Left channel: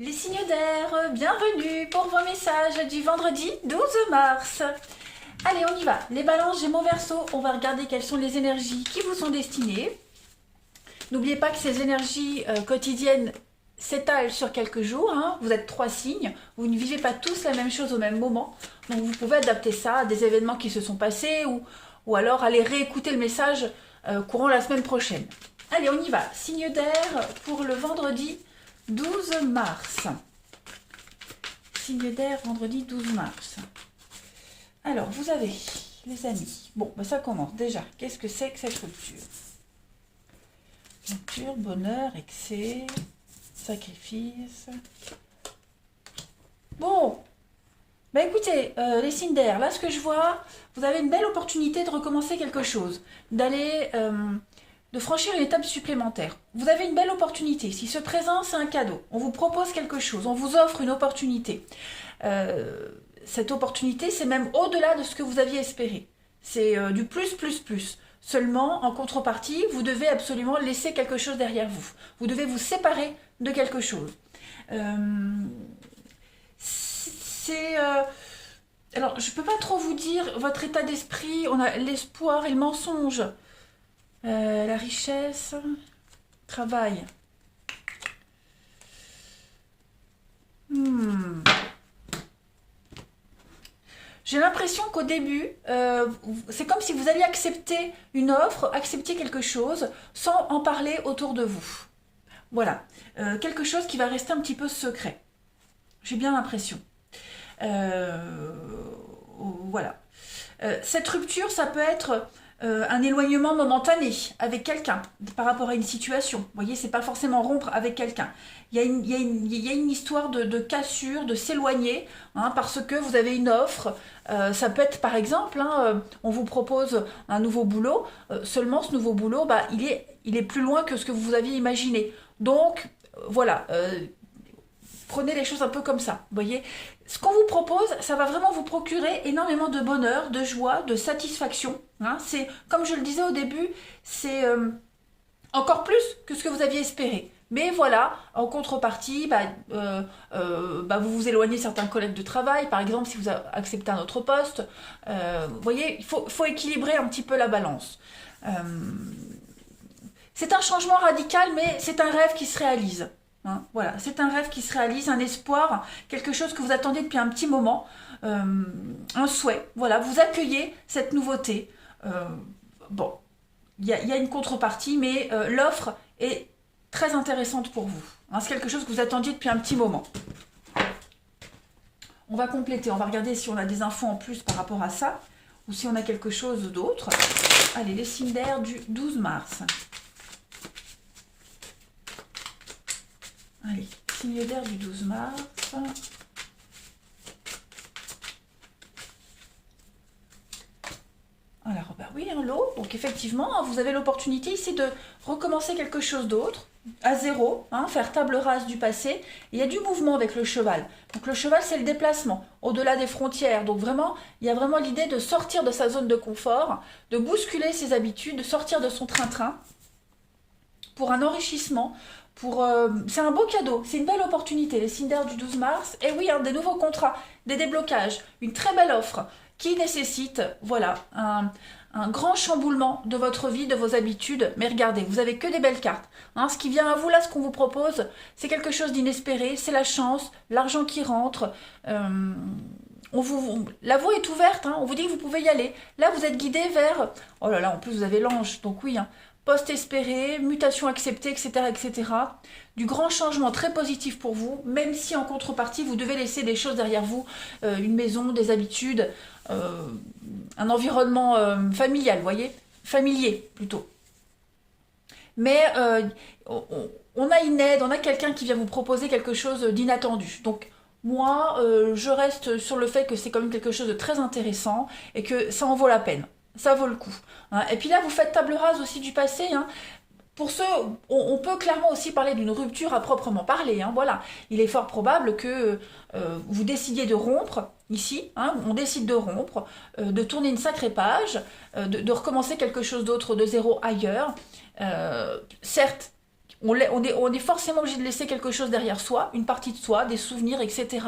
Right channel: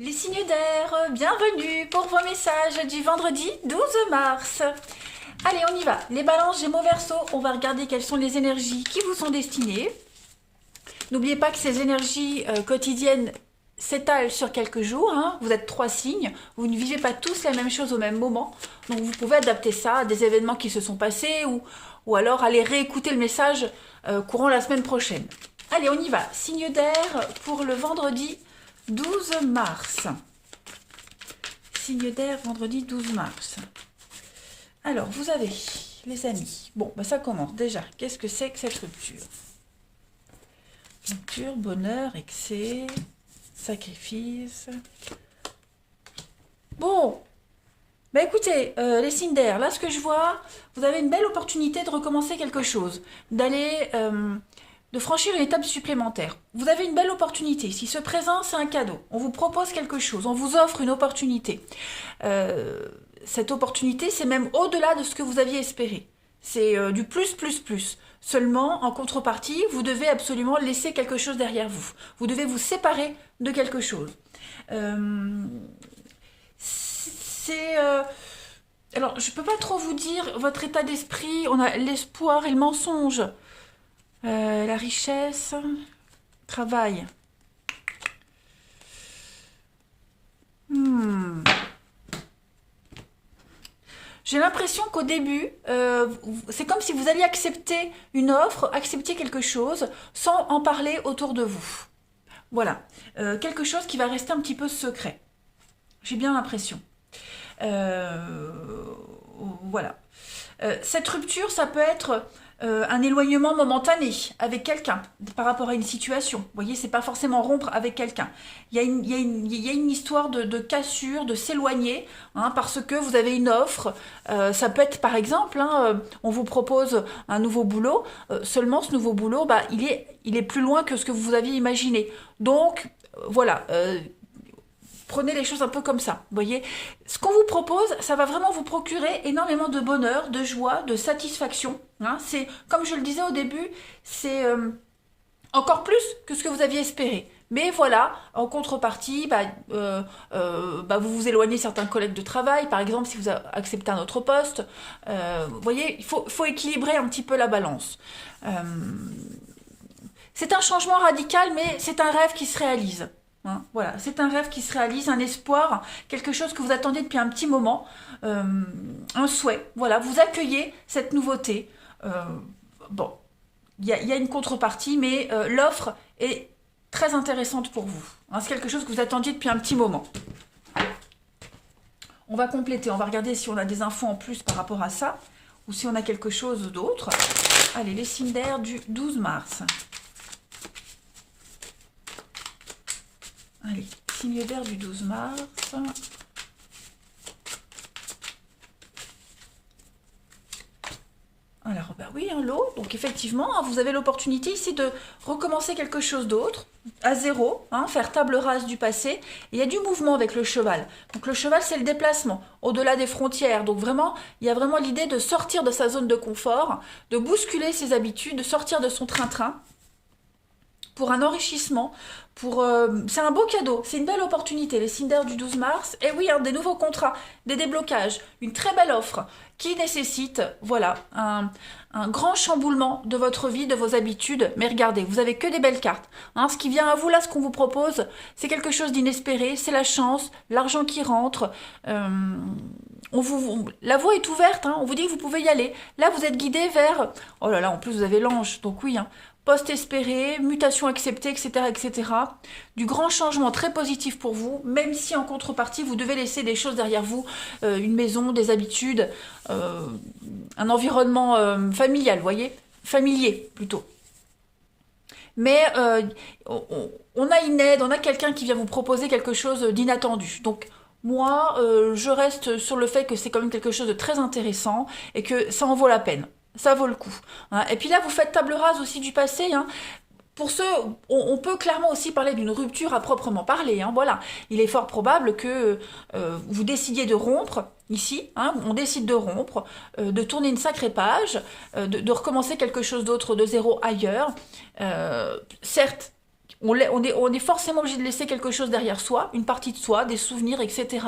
Les signes d'air, bienvenue pour vos messages du vendredi 12 mars. Allez, on y va. Les balances, Gémeaux, Verseau, on va regarder quelles sont les énergies qui vous sont destinées. N'oubliez pas que ces énergies quotidiennes s'étalent sur quelques jours. Hein. Vous êtes 3 signes, vous ne vivez pas tous la même chose au même moment. Donc vous pouvez adapter ça à des événements qui se sont passés ou alors aller réécouter le message courant la semaine prochaine. Allez, on y va. Signe d'air pour le vendredi 12 mars. Signe d'air, vendredi 12 mars. Alors, vous avez, les amis, bon, bah ça commence déjà. Qu'est-ce que c'est que cette rupture? Rupture, bonheur, excès, sacrifice. Bon, bah écoutez, les signes d'air, là ce que je vois, vous avez une belle opportunité de recommencer quelque chose, d'aller, de franchir une étape supplémentaire. Vous avez une belle opportunité. Si ce présent, c'est un cadeau, on vous propose quelque chose, on vous offre une opportunité. Cette opportunité, c'est même au-delà de ce que vous aviez espéré. C'est du plus, plus, plus. Seulement, en contrepartie, vous devez absolument laisser quelque chose derrière vous. Vous devez vous séparer de quelque chose. C'est... alors, je ne peux pas trop vous dire votre état d'esprit. On a l'espoir et le mensonge. La richesse, travail. J'ai l'impression qu'au début, c'est comme si vous alliez accepter une offre, accepter quelque chose, sans en parler autour de vous. Voilà. Quelque chose qui va rester un petit peu secret. J'ai bien l'impression. Euh, voilà. Cette rupture, ça peut être un éloignement momentané avec quelqu'un par rapport à une situation. Vous voyez, c'est pas forcément rompre avec quelqu'un. Il y a une histoire de cassure, de s'éloigner, hein, parce que vous avez une offre. Ça peut être par exemple, hein, on vous propose un nouveau boulot, seulement ce nouveau boulot, bah, il est plus loin que ce que vous aviez imaginé. Donc, voilà. Prenez les choses un peu comme ça, vous voyez. Ce qu'on vous propose, ça va vraiment vous procurer énormément de bonheur, de joie, de satisfaction. Hein. C'est, comme je le disais au début, c'est encore plus que ce que vous aviez espéré. Mais voilà, en contrepartie, vous vous éloignez certains collègues de travail, par exemple si vous acceptez un autre poste. Vous voyez, faut équilibrer un petit peu la balance. Euh, c'est un changement radical, mais c'est un rêve qui se réalise. Hein, voilà, c'est un rêve qui se réalise, un espoir, quelque chose que vous attendez depuis un petit moment, euh, un souhait. Voilà, vous accueillez cette nouveauté. Euh, bon, il y a une contrepartie, mais l'offre est très intéressante pour vous. Hein, c'est quelque chose que vous attendiez depuis un petit moment. On va compléter, on va regarder si on a des infos en plus par rapport à ça, ou si on a quelque chose d'autre. Allez, les signes d'air du 12 mars. Allez, signe d'air du 12 mars. Alors, bah oui, hein, l'eau. Donc, effectivement, hein, vous avez l'opportunité ici de recommencer quelque chose d'autre, à zéro, hein, faire table rase du passé. Et il y a du mouvement avec le cheval. Donc, le cheval, c'est le déplacement, au-delà des frontières. Donc, vraiment, il y a vraiment l'idée de sortir de sa zone de confort, de bousculer ses habitudes, de sortir de son train-train pour un enrichissement, c'est un beau cadeau, c'est une belle opportunité, les signes d'air du 12 mars. Et oui, hein, des nouveaux contrats, des déblocages, une très belle offre qui nécessite, voilà, un grand chamboulement de votre vie, de vos habitudes. Mais regardez, vous avez que des belles cartes. Hein. Ce qui vient à vous là, ce qu'on vous propose, c'est quelque chose d'inespéré, c'est la chance, l'argent qui rentre. La voie est ouverte, hein, on vous dit que vous pouvez y aller. Là, vous êtes guidé vers... Oh là là, en plus, vous avez l'ange, donc oui, hein, poste espéré, mutation acceptée, etc., etc. Du grand changement très positif pour vous, même si en contrepartie, vous devez laisser des choses derrière vous, une maison, des habitudes, un environnement familial, vous voyez, familier plutôt. Mais on a une aide, on a quelqu'un qui vient vous proposer quelque chose d'inattendu. Donc moi, je reste sur le fait que c'est quand même quelque chose de très intéressant et que ça en vaut la peine. Ça vaut le coup. Hein. Et puis là, vous faites table rase aussi du passé. Hein. Pour ceux, on peut clairement aussi parler d'une rupture à proprement parler. Hein, voilà, il est fort probable que vous décidiez de rompre ici. Hein, on décide de rompre, de tourner une sacrée page, de recommencer quelque chose d'autre de zéro ailleurs. Certes. on est forcément obligé de laisser quelque chose derrière soi, une partie de soi, des souvenirs, etc.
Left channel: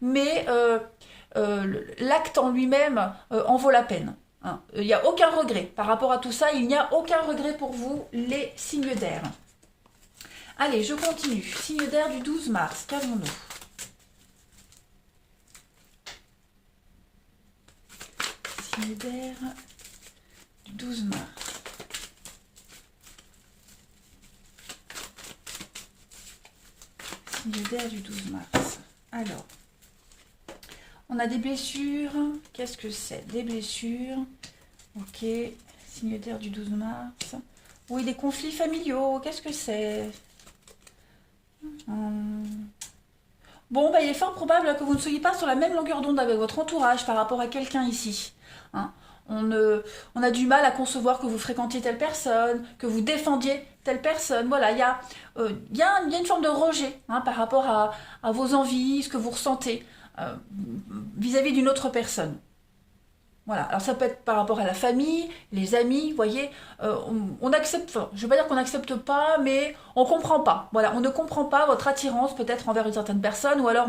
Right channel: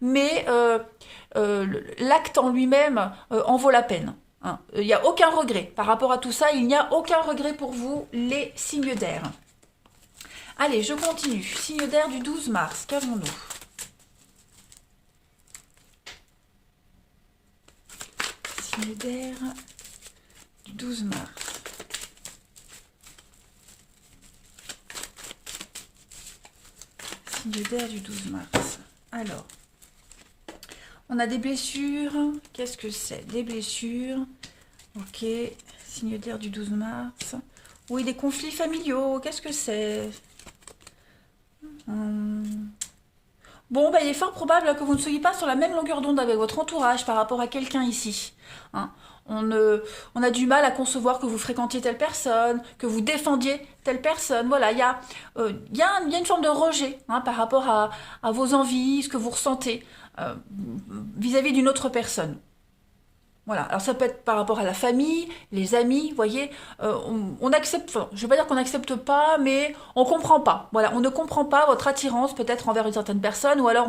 Mais l'acte en lui-même en vaut la peine. Hein. Il n'y a aucun regret par rapport à tout ça. Il n'y a aucun regret pour vous, les signes d'air. Allez, je continue. Signe d'air du 12 mars. Qu'avons-nous? Signe d'air du 12 mars. Signe d'air du 12 mars. Alors, on a des blessures. Qu'est-ce que c'est? Des blessures. Ok. Signe d'air du 12 mars. Oui, des conflits familiaux. Qu'est-ce que c'est? Bon, bah, il est fort probable que vous ne soyez pas sur la même longueur d'onde avec votre entourage par rapport à quelqu'un ici. Hein. On a du mal à concevoir que vous fréquentiez telle personne, que vous défendiez telle personne. Voilà, il y a une forme de rejet hein, par rapport à vos envies, ce que vous ressentez vis-à-vis d'une autre personne. Voilà, alors ça peut être par rapport à la famille, les amis, vous voyez, on accepte, enfin, je ne vais pas dire qu'on n'accepte pas, mais on ne comprend pas. Voilà, on ne comprend pas votre attirance peut-être envers une certaine personne, ou alors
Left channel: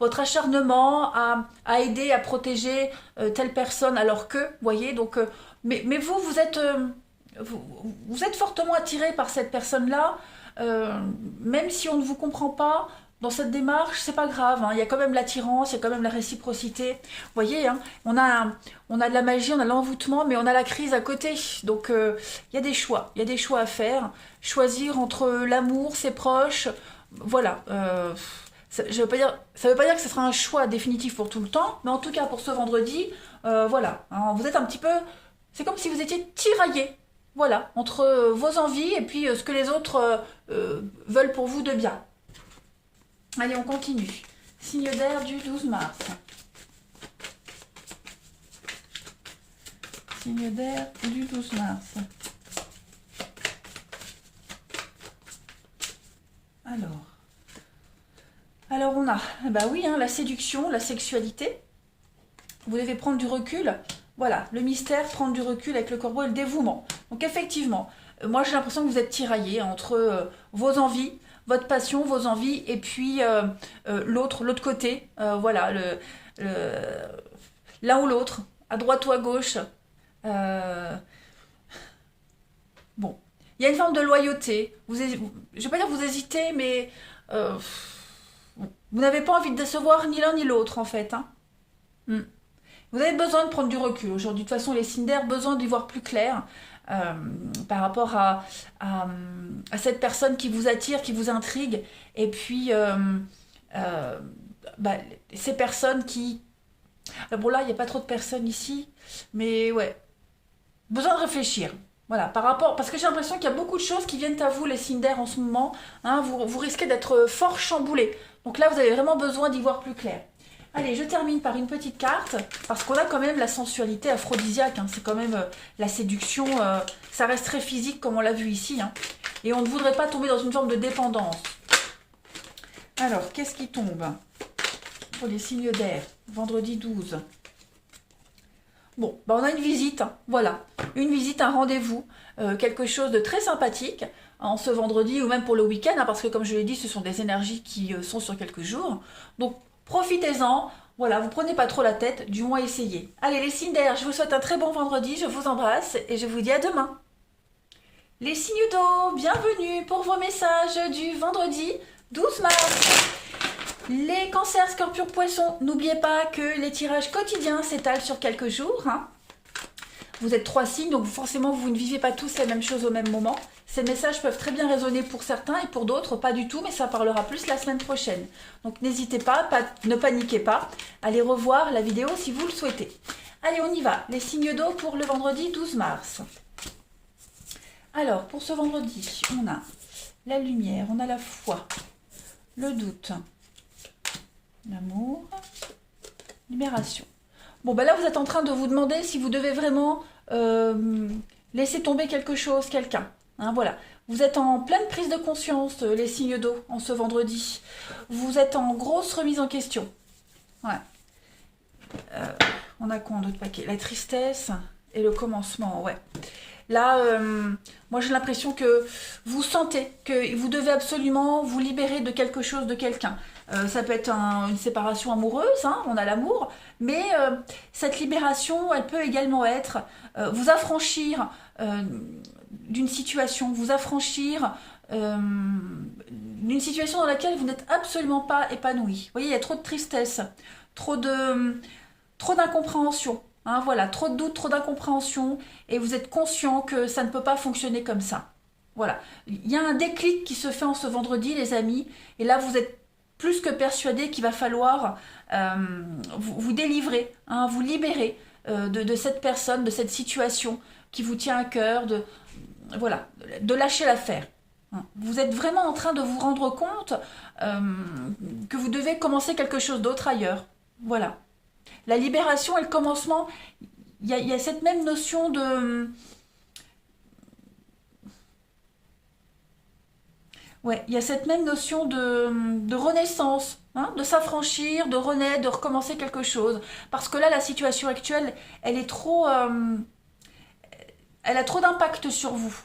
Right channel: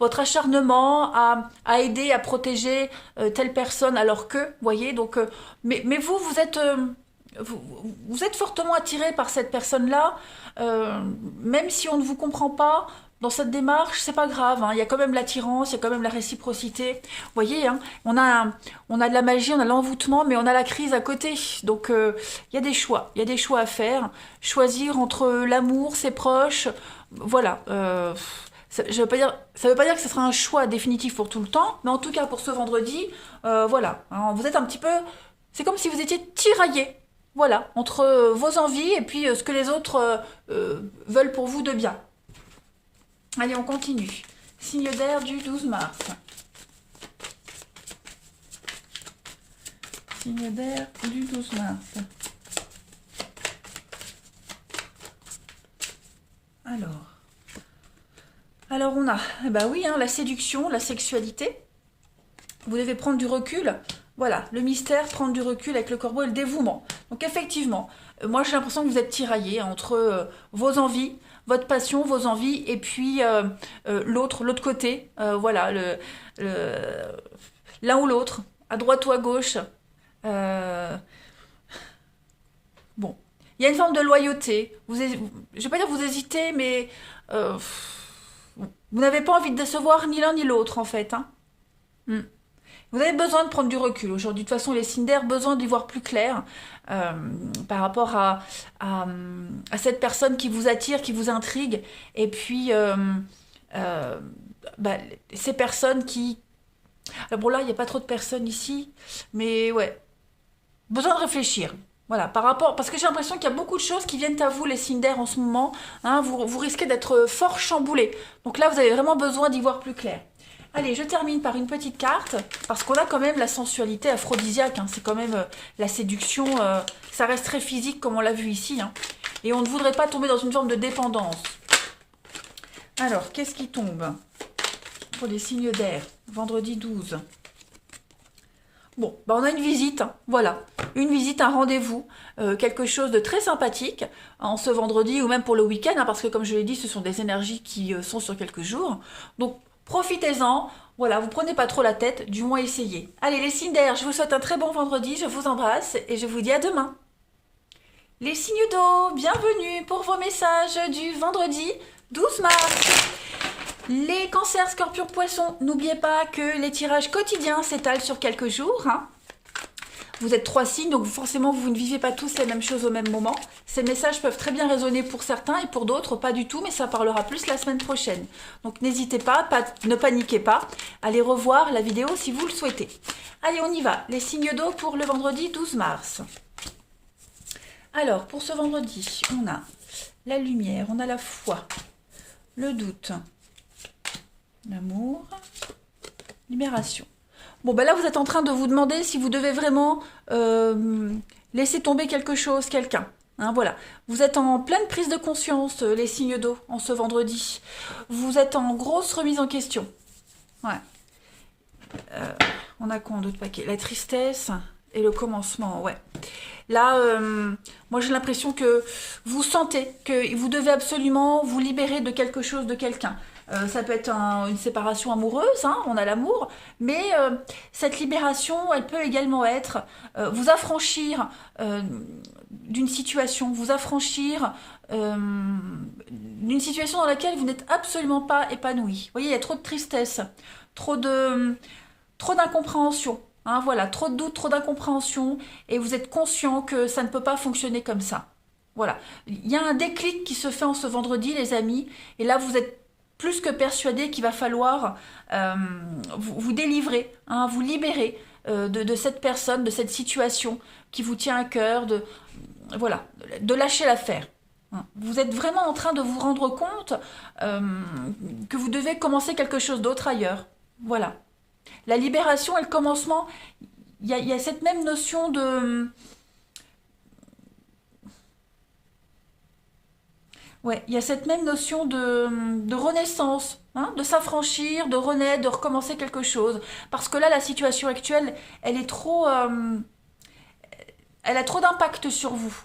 votre acharnement à aider, à protéger telle personne, alors que, vous voyez, donc, mais vous, vous êtes fortement attiré par cette personne-là, même si on ne vous comprend pas, dans cette démarche, c'est pas grave, hein. Il y a quand même l'attirance, il y a quand même la réciprocité. Vous voyez, hein, on a de la magie, on a l'envoûtement, mais on a la crise à côté. Donc, il y a des choix. Il y a des choix à faire. Choisir entre l'amour, ses proches. Voilà. Ça veut pas dire que ce sera un choix définitif pour tout le temps, mais en tout cas, pour ce vendredi, voilà. Hein, vous êtes un petit peu... C'est comme si vous étiez tiraillé. Voilà. Entre vos envies et puis ce que les autres veulent pour vous de bien. Allez, on continue. Signe d'air du 12 mars. Signe d'air du 12 mars. Alors on a, bah oui, hein, la séduction, la sexualité. Vous devez prendre du recul. Voilà, le mystère, prendre du recul avec le corbeau et le dévouement. Donc effectivement, moi j'ai l'impression que vous êtes tiraillé entre vos envies, votre passion, vos envies, et puis l'autre côté, voilà, l'un ou l'autre, à droite ou à gauche. Euh, bon, il y a une forme de loyauté. Je ne vais pas dire que vous hésitez, mais euh, vous n'avez pas envie de décevoir ni l'un ni l'autre, en fait. Hein. Hmm. Vous avez besoin de prendre du recul aujourd'hui. De toute façon, les signes d'air, besoin d'y voir plus clair euh, par rapport à, à cette personne qui vous attire, qui vous intrigue. Et puis, euh, bah, ces personnes qui... Bon là, il n'y a pas trop de personnes ici, mais ouais, besoin de réfléchir. Voilà, par rapport, parce que j'ai l'impression qu'il y a beaucoup de choses qui viennent à vous, les signes d'air en ce moment. Hein, vous risquez d'être fort chamboulé. Donc là, vous avez vraiment besoin d'y voir plus clair. Allez, je termine par une petite carte, parce qu'on a quand même la sensualité aphrodisiaque, hein, c'est quand même la séduction, ça reste très physique comme on l'a vu ici, hein, et on ne voudrait pas tomber dans une forme de dépendance. Alors, qu'est-ce qui tombe pour les signes d'air, vendredi 12? Bon, bah on a une visite, hein, voilà, une visite, un rendez-vous, quelque chose de très sympathique, en ce vendredi ou même pour le week-end, hein, parce que comme je l'ai dit, ce sont des énergies qui sont sur quelques jours, donc profitez-en, voilà, vous prenez pas trop la tête, du moins essayez. Allez les signes d'air, je vous souhaite un très bon vendredi, je vous embrasse et je vous dis à demain. Les signes d'eau, bienvenue pour vos messages du vendredi 12 mars. Les cancers, scorpions, poissons, n'oubliez pas que les tirages quotidiens s'étalent sur quelques jours. Hein. Vous êtes 3 signes, donc forcément vous ne vivez pas tous les mêmes choses au même moment. Ces messages peuvent très bien résonner pour certains et pour d'autres pas du tout, mais ça parlera plus la semaine prochaine. Donc n'hésitez pas, ne paniquez pas, allez revoir la vidéo si vous le souhaitez. Allez, on y va, les signes d'eau pour le vendredi 12 mars. Alors, pour ce vendredi, on a la lumière, on a la foi, le doute, l'amour, libération. Bon, ben là, vous êtes en train de vous demander si vous devez vraiment laisser tomber quelque chose, quelqu'un. Hein, voilà. Vous êtes en pleine prise de conscience, les signes d'eau, en ce vendredi. Vous êtes en grosse remise en question. Voilà. On a quoi en d'autres paquets? La tristesse Et le commencement, ouais. Là, moi j'ai l'impression que vous sentez que vous devez absolument vous libérer de quelque chose, de quelqu'un. Ça peut être une séparation amoureuse, hein, on a l'amour, mais cette libération, elle peut également être vous affranchir d'une situation, vous affranchir d'une situation dans laquelle vous n'êtes absolument pas épanoui. Vous voyez, il y a trop de tristesse, trop de, trop d'incompréhension. Hein, voilà, trop de doutes, trop d'incompréhension, et vous êtes conscient que ça ne peut pas fonctionner comme ça. Voilà. Il y a un déclic qui se fait en ce vendredi, les amis, et là vous êtes plus que persuadé qu'il va falloir vous délivrer, hein, vous libérer de cette personne, de cette situation qui vous tient à cœur, voilà, de lâcher l'affaire. Vous êtes vraiment en train de vous rendre compte que vous devez commencer quelque chose d'autre ailleurs. Voilà. La libération et le commencement, il y a cette même notion de... Ouais, il y a cette même notion de renaissance, hein, de s'affranchir, de renaître, de recommencer quelque chose. Parce que là, la situation actuelle, elle est trop... elle a trop d'impact sur vous.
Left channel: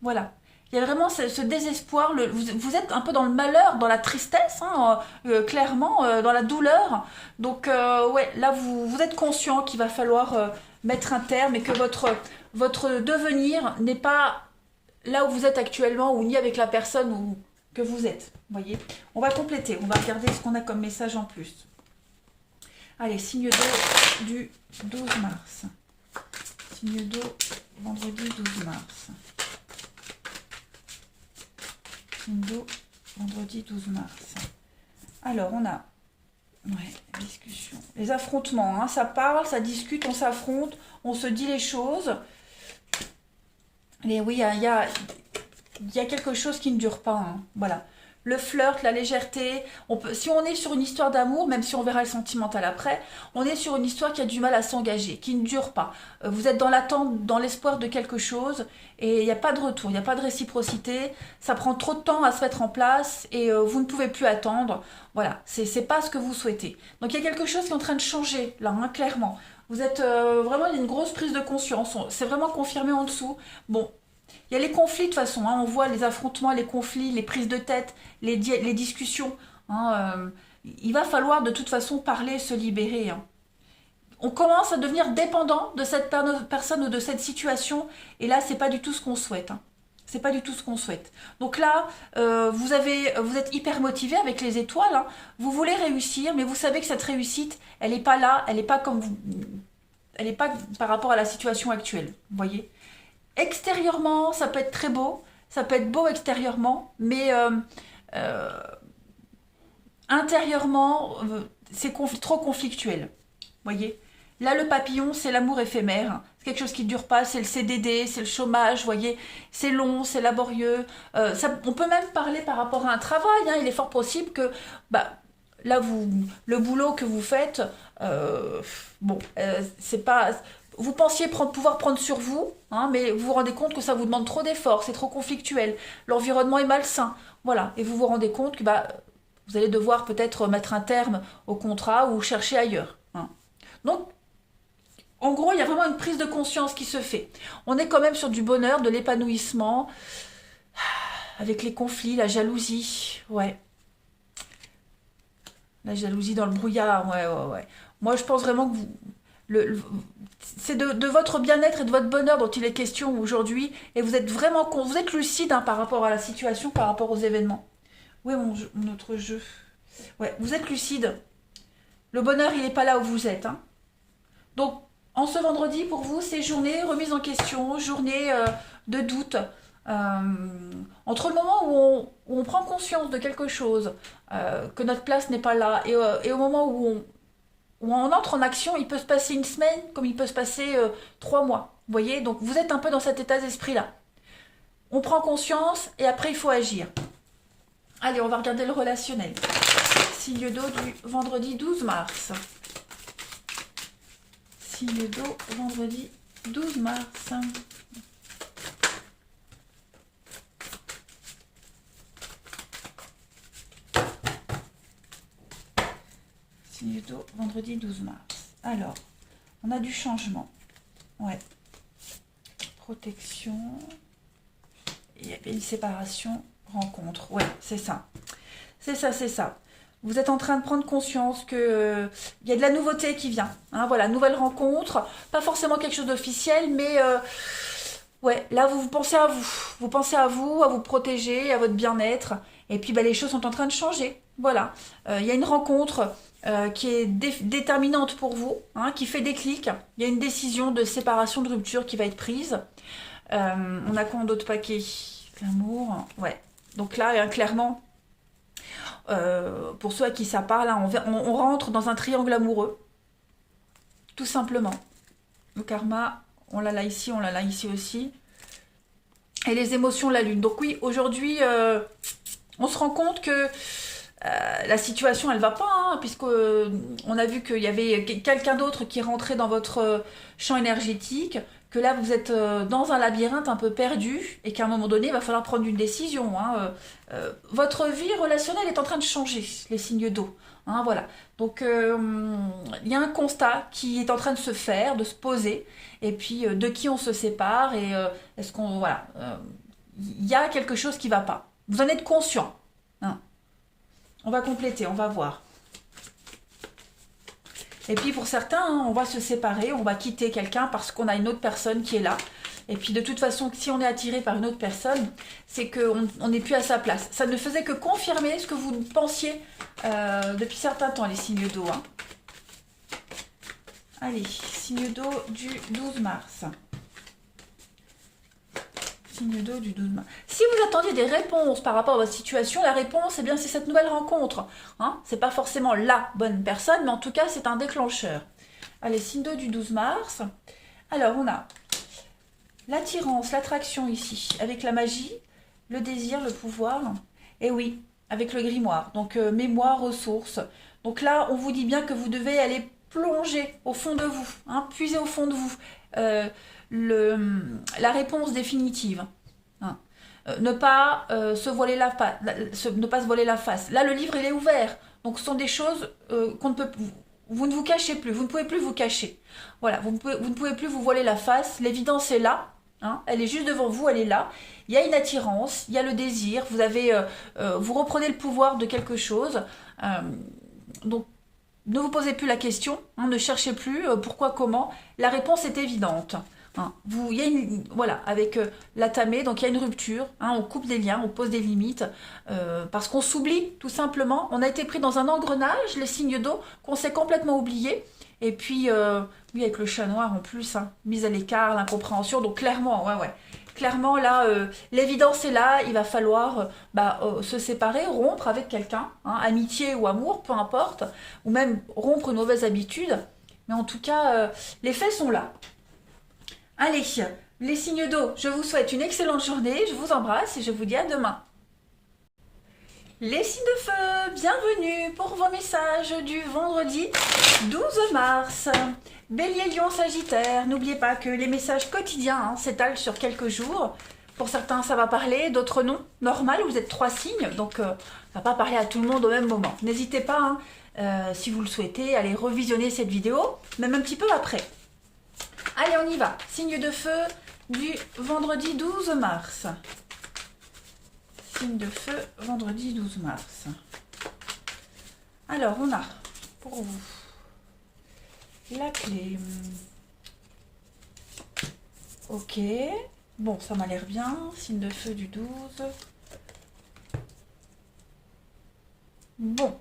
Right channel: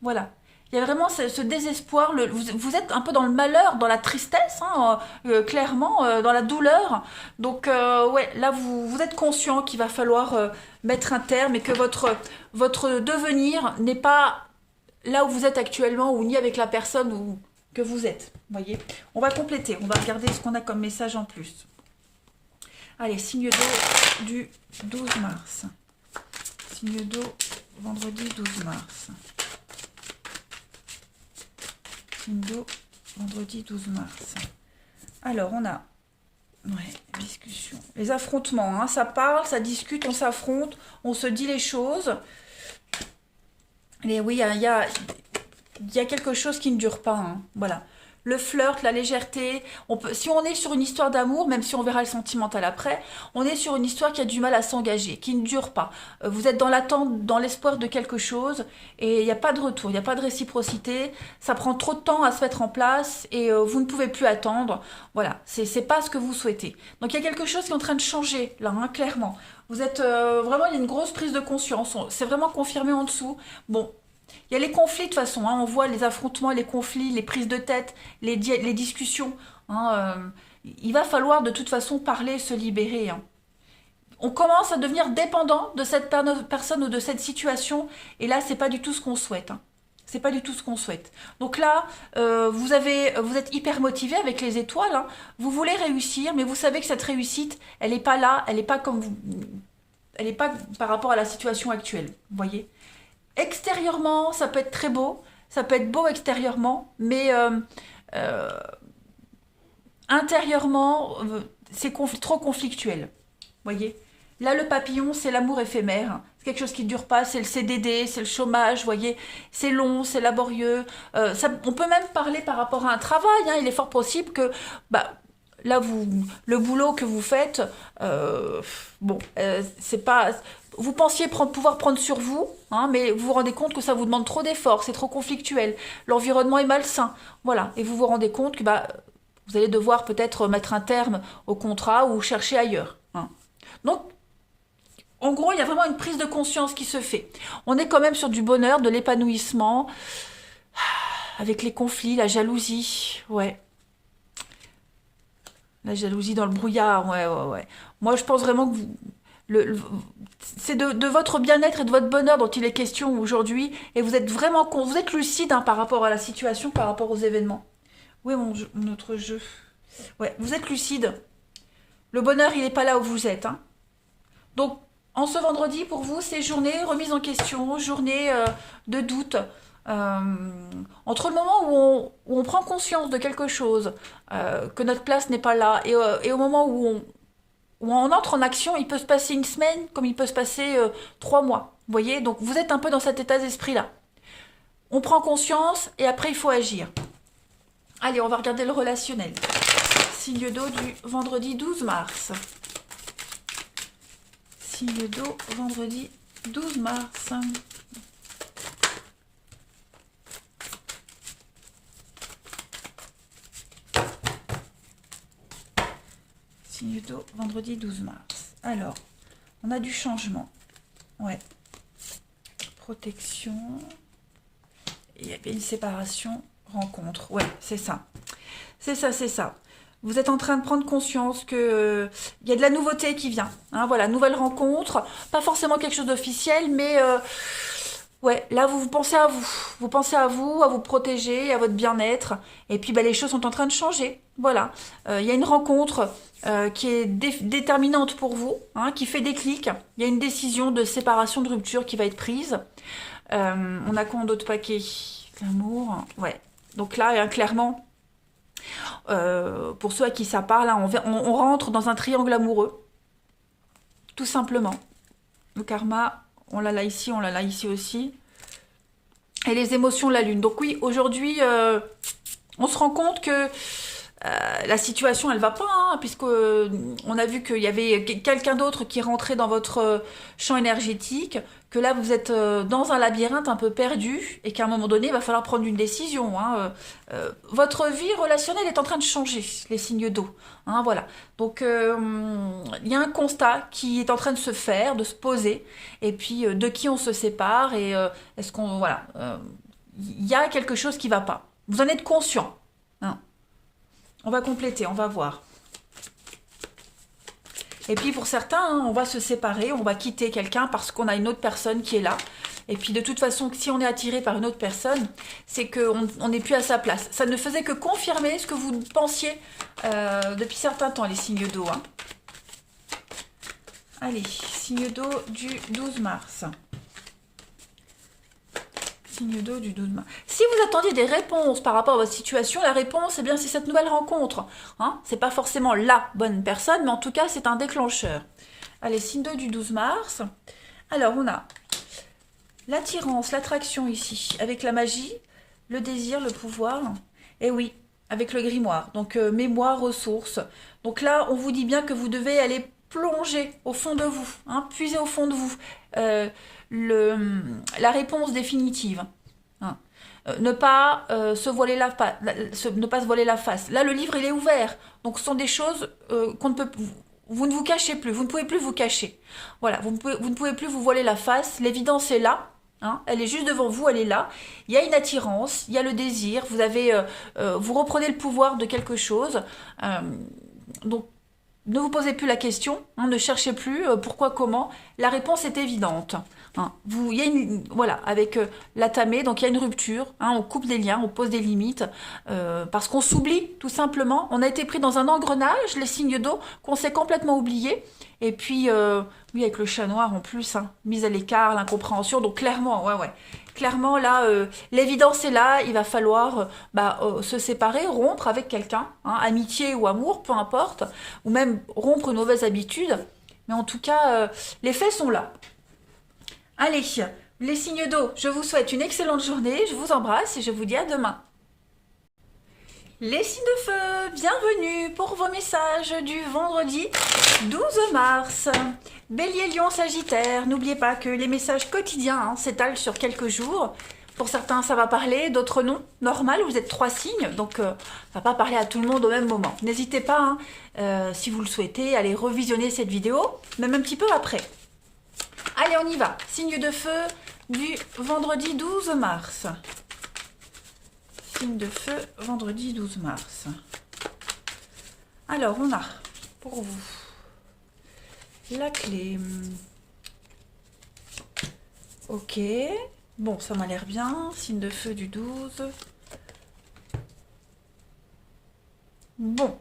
Voilà. Il y a vraiment ce désespoir, vous êtes un peu dans le malheur, dans la tristesse, hein, clairement, dans la douleur. Donc, ouais, là, vous êtes conscient qu'il va falloir mettre un terme et que votre devenir n'est pas là où vous êtes actuellement ou ni avec la personne que vous êtes. Vous voyez. On va compléter, on va regarder ce qu'on a comme message en plus. Allez, signe d'eau du 12 mars. Signe d'eau, vendredi 12 mars. Vendredi 12 mars. Alors, on a discussion. Les affrontements, hein, ça parle, ça discute, on s'affronte, on se dit les choses. Et oui, il y a quelque chose qui ne dure pas. Hein, voilà. Le flirt, la légèreté. Si on est sur une histoire d'amour, même si on verra le sentimental après, on est sur une histoire qui a du mal à s'engager, qui ne dure pas. Vous êtes dans l'attente, dans l'espoir de quelque chose, et il n'y a pas de retour, il n'y a pas de réciprocité. Ça prend trop de temps à se mettre en place, et vous ne pouvez plus attendre. Voilà, c'est pas ce que vous souhaitez. Donc il y a quelque chose qui est en train de changer, là, hein, clairement. Vous êtes vraiment, il y a une grosse prise de conscience. C'est vraiment confirmé en dessous. Bon. Il y a les conflits de toute façon, hein, on voit les affrontements, les conflits, les prises de tête, les discussions. Hein, il va falloir de toute façon parler, se libérer. Hein. On commence à devenir dépendant de cette personne ou de cette situation, et là, c'est pas du tout ce qu'on souhaite. Hein. C'est pas du tout ce qu'on souhaite. Donc là, vous êtes hyper motivé avec les étoiles. Hein. Vous voulez réussir, mais vous savez que cette réussite, elle n'est pas là, elle n'est pas comme vous, elle n'est pas par rapport à la situation actuelle. Vous voyez. Extérieurement, ça peut être très beau, ça peut être beau extérieurement, mais euh, intérieurement, c'est trop conflictuel. Vous voyez. Là, le papillon, c'est l'amour éphémère. C'est quelque chose qui ne dure pas, c'est le CDD, c'est le chômage, vous voyez. C'est long, c'est laborieux. On peut même parler par rapport à un travail. Hein. Il est fort possible que... Bah, là, le boulot que vous faites, c'est pas... Vous pensiez pouvoir prendre sur vous, hein, mais vous vous rendez compte que ça vous demande trop d'efforts, c'est trop conflictuel, l'environnement est malsain, voilà. Et vous vous rendez compte que vous allez devoir peut-être mettre un terme au contrat ou chercher ailleurs. Hein. Donc, en gros, il y a vraiment une prise de conscience qui se fait. On est quand même sur du bonheur, de l'épanouissement, avec les conflits, la jalousie, ouais. La jalousie dans le brouillard, ouais. Moi, je pense vraiment que c'est de votre bien-être et de votre bonheur dont il est question aujourd'hui, et vous êtes vraiment vous êtes lucide hein, par rapport à la situation, par rapport aux événements. Oui, notre jeu. Ouais, vous êtes lucide. Le bonheur, il n'est pas là où vous êtes. Hein. Donc, en ce vendredi, pour vous, c'est journée remise en question, journée de doute. Euh, Entre le moment où on prend conscience de quelque chose, que notre place n'est pas là, et au moment où on entre en action, il peut se passer une semaine comme il peut se passer 3 mois. Vous voyez, donc vous êtes un peu dans cet état d'esprit-là. On prend conscience et après il faut agir. Allez, on va regarder le relationnel. Signe d'eau du vendredi 12 mars. Signe d'eau vendredi 12 mars. Signe d'eau vendredi 12 mars. Alors, on a du changement. Ouais. protection. Il y avait une séparation, rencontre. Ouais, c'est ça. C'est ça, c'est ça. Vous êtes en train de prendre conscience que il y a de la nouveauté qui vient. Hein, voilà, nouvelle rencontre. Pas forcément quelque chose d'officiel, mais ouais, là vous pensez à vous. Vous pensez à vous protéger, à votre bien-être. Et puis bah, les choses sont en train de changer. Voilà. Il y a une rencontre qui est déterminante pour vous, hein, qui fait déclic. Il y a une décision de séparation, de rupture qui va être prise. On a quoi en d'autres paquets? L'amour, ouais. Donc là, clairement, pour ceux à qui ça parle, hein, on rentre dans un triangle amoureux, tout simplement. Le karma, on l'a là ici, on l'a là ici aussi. Et les émotions, la lune. Donc oui, aujourd'hui, on se rend compte que la situation, elle va pas, hein, puisque on a vu qu'il y avait quelqu'un d'autre qui rentrait dans votre champ énergétique, que là vous êtes dans un labyrinthe un peu perdu, et qu'à un moment donné, il va falloir prendre une décision. Hein. Votre vie relationnelle est en train de changer, les signes d'eau. Hein, voilà. Donc il y a un constat qui est en train de se faire, de se poser, et puis de qui on se sépare, et est-ce qu'on voilà, il y a quelque chose qui va pas. Vous en êtes conscient. Hein. On va compléter, on va voir. Et puis pour certains, hein, on va se séparer, on va quitter quelqu'un parce qu'on a une autre personne qui est là. Et puis de toute façon, si on est attiré par une autre personne, c'est qu'on n'est plus à sa place. Ça ne faisait que confirmer ce que vous pensiez depuis certains temps, les signes d'eau. Hein. Allez, signe d'eau du 12 mars. Signe d'eau du 12 mars. Si vous attendiez des réponses par rapport à votre situation, la réponse, eh bien, c'est cette nouvelle rencontre. Hein, c'est pas forcément la bonne personne, mais en tout cas, c'est un déclencheur. Allez, signe d'eau du 12 mars. Alors, on a l'attirance, l'attraction ici, avec la magie, le désir, le pouvoir. Et oui, avec le grimoire. Donc, mémoire, ressources. Donc là, on vous dit bien que vous devez aller plonger au fond de vous, hein, puiser au fond de vous. La réponse définitive. Hein. Ne pas se voiler ne pas se voiler la face. Là, le livre, il est ouvert. Donc, ce sont des choses qu'on ne peut... Vous ne vous cachez plus. Vous ne pouvez plus vous cacher. Voilà, vous ne pouvez plus vous voiler la face. L'évidence est là. Hein, elle est juste devant vous, elle est là. Il y a une attirance, il y a le désir. Vous reprenez le pouvoir de quelque chose. Donc, ne vous posez plus la question. Hein, ne cherchez plus pourquoi, comment. La réponse est évidente. Hein, il y a voilà, avec la tamée, donc il y a une rupture, hein, on coupe des liens, on pose des limites, parce qu'on s'oublie tout simplement. On a été pris dans un engrenage, les signes d'eau, qu'on s'est complètement oublié. Et puis, oui, avec le chat noir en plus, hein, mise à l'écart, l'incompréhension. Donc clairement, ouais. Clairement, là, l'évidence est là, il va falloir se séparer, rompre avec quelqu'un, hein, amitié ou amour, peu importe, ou même rompre une mauvaise habitude. Mais en tout cas, les faits sont là. Allez, les signes d'eau, je vous souhaite une excellente journée, je vous embrasse et je vous dis à demain. Les signes de feu, bienvenue pour vos messages du vendredi 12 mars. Bélier, Lion, Sagittaire, n'oubliez pas que les messages quotidiens s'étalent sur quelques jours. Pour certains, ça va parler, d'autres non. Normal, vous êtes 3 signes, donc ça ne va pas parler à tout le monde au même moment. N'hésitez pas, si vous le souhaitez, à aller revisionner cette vidéo, même un petit peu après. Allez, on y va. Signe de feu du vendredi 12 mars. Signe de feu, vendredi 12 mars. Alors, on a pour vous la clé. Ok. Bon, ça m'a l'air bien. Signe de feu du 12. Bon.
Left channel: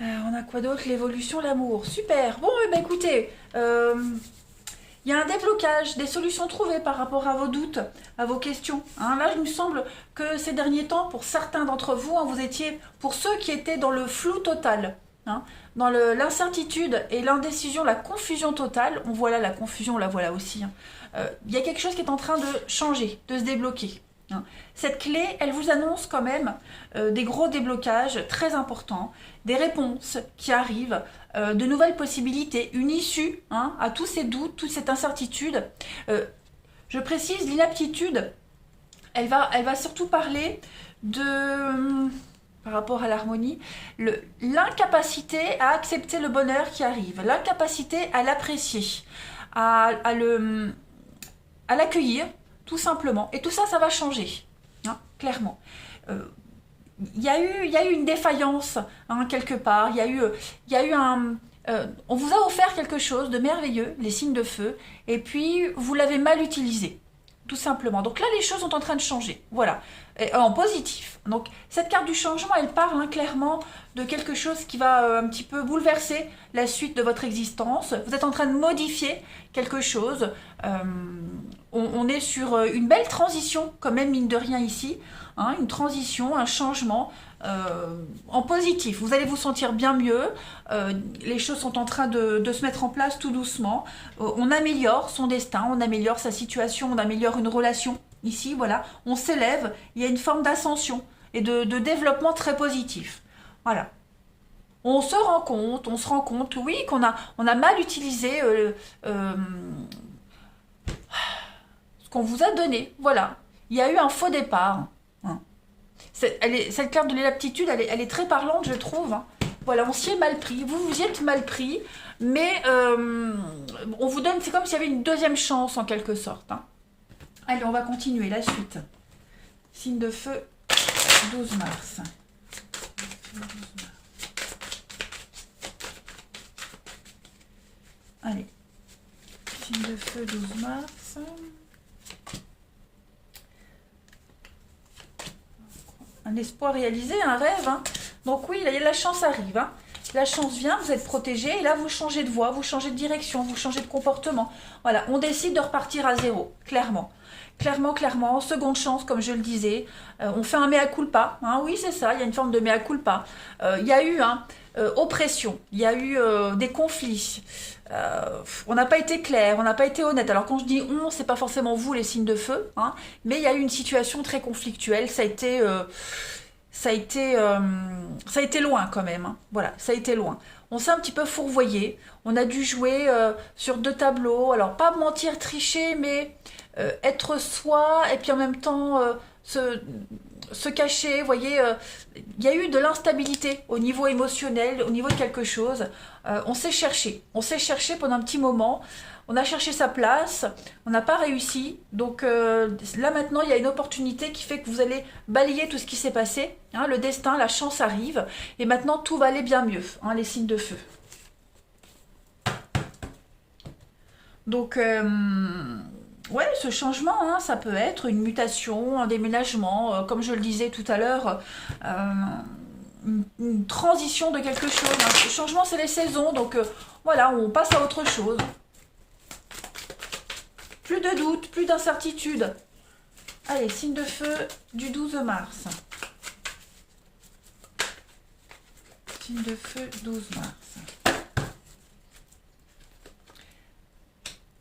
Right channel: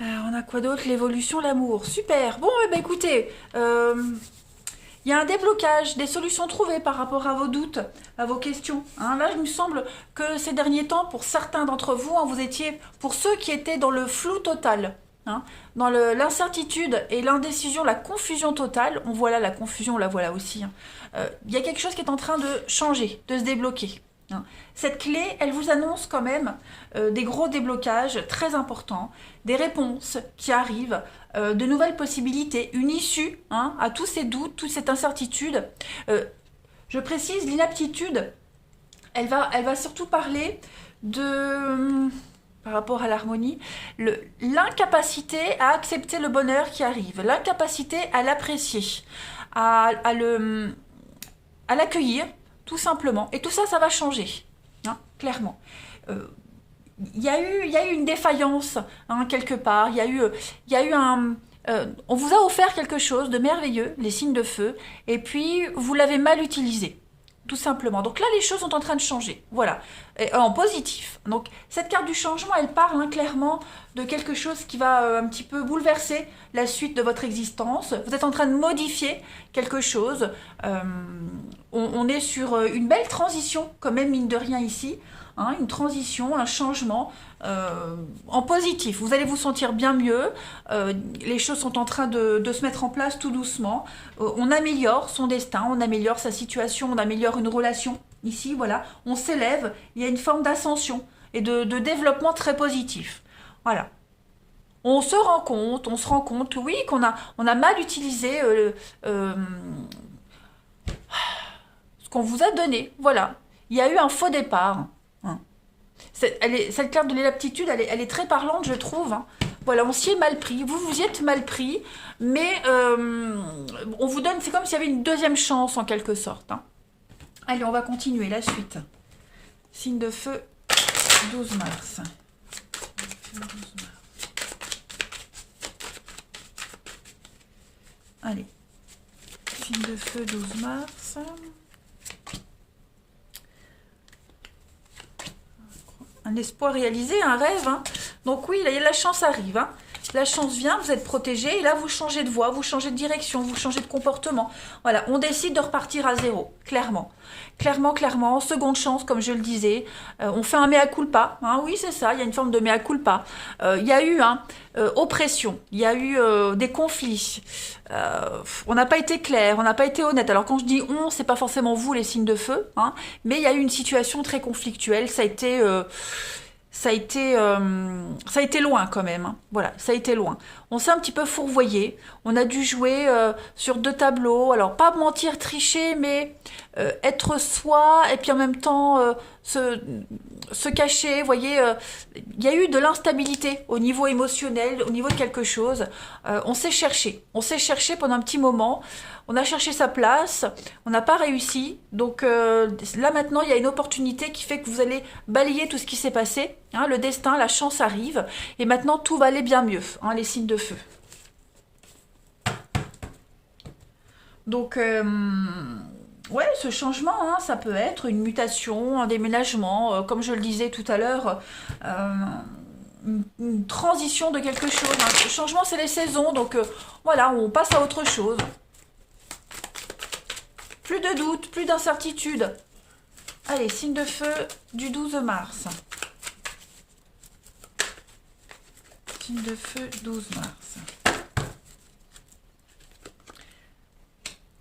On a quoi d'autre? L'évolution, l'amour. Super. Bon, écoutez, il y a un déblocage, des solutions trouvées par rapport à vos doutes, à vos questions. Hein, là, il me semble que ces derniers temps, pour certains d'entre vous, vous étiez, pour ceux qui étaient dans le flou total, hein, dans l'incertitude et l'indécision, la confusion totale, on voit là la confusion, la voilà aussi. Hein, il y a quelque chose qui est en train de changer, de se débloquer. Hein. Cette clé, elle vous annonce quand même des gros déblocages très importants, des réponses qui arrivent, de nouvelles possibilités, une issue à tous ces doutes, toute cette incertitude. Je précise, l'inaptitude, elle va surtout parler de, par rapport à l'harmonie, l'incapacité à accepter le bonheur qui arrive, l'incapacité à l'apprécier, à à l'accueillir, tout simplement. Et tout ça, ça va changer, hein, clairement. Il y a eu une défaillance, hein, quelque part. Il y a eu un... on vous a offert quelque chose de merveilleux, les signes de feu, et puis vous l'avez mal utilisé, tout simplement. Donc là, les choses sont en train de changer, voilà, et, en positif. Donc cette carte du changement, elle parle, hein, clairement de quelque chose qui va un petit peu bouleverser la suite de votre existence. Vous êtes en train de modifier quelque chose. On est sur une belle transition, quand même, mine de rien ici, hein, une transition, un changement en positif. Vous allez vous sentir bien mieux. Les choses sont en train de se mettre en place tout doucement. On améliore son destin, on améliore sa situation, on améliore une relation. Ici, voilà, on s'élève. Il y a une forme d'ascension et de développement très positif. Voilà. On se rend compte, oui, on a mal utilisé ce qu'on vous a donné. Voilà. Il y a eu un faux départ, hein. Cette carte de l'inaptitude, elle est très parlante, je trouve, hein. Voilà, on s'y est mal pris. Vous vous y êtes mal pris, mais on vous donne, c'est comme s'il y avait une deuxième chance en quelque sorte, hein. Allez, on va continuer la suite. Signe de feu, 12 mars. Allez, signe de feu, 12 mars. Un espoir réalisé, un rêve, hein. Donc oui, là, la chance arrive, hein. La chance vient, vous êtes protégé, et là, vous changez de voie, vous changez de direction, vous changez de comportement. Voilà, on décide de repartir à zéro, clairement. Clairement, clairement, seconde chance, comme je le disais. On fait un mea culpa, hein. Oui, c'est ça, il y a une forme de mea culpa. Il y a eu, hein, oppression, il y a eu des conflits. On n'a pas été clair, on n'a pas été honnête. Alors quand je dis on, c'est pas forcément vous les signes de feu, hein, mais il y a eu une situation très conflictuelle. Ça a été loin quand même, hein. Voilà, ça a été loin. On s'est un petit peu fourvoyé. On a dû jouer sur deux tableaux. Alors pas mentir, tricher, mais être soi et puis en même temps se cacher. Vous voyez, il y a eu de l'instabilité au niveau émotionnel, au niveau de quelque chose. On s'est cherché. On s'est cherché pendant un petit moment. On a cherché sa place, on n'a pas réussi. Donc là maintenant, il y a une opportunité qui fait que vous allez balayer tout ce qui s'est passé, hein, le destin, la chance arrive. Et maintenant, tout va aller bien mieux, hein, les signes de feu. Donc, ouais, ce changement, hein, ça peut être une mutation, un déménagement, comme je le disais tout à l'heure, une transition de quelque chose, hein. Le changement, c'est les saisons, donc voilà, on passe à autre chose. Plus de doute, plus d'incertitude. Allez, signe de feu du 12 mars. Signe de feu 12 mars.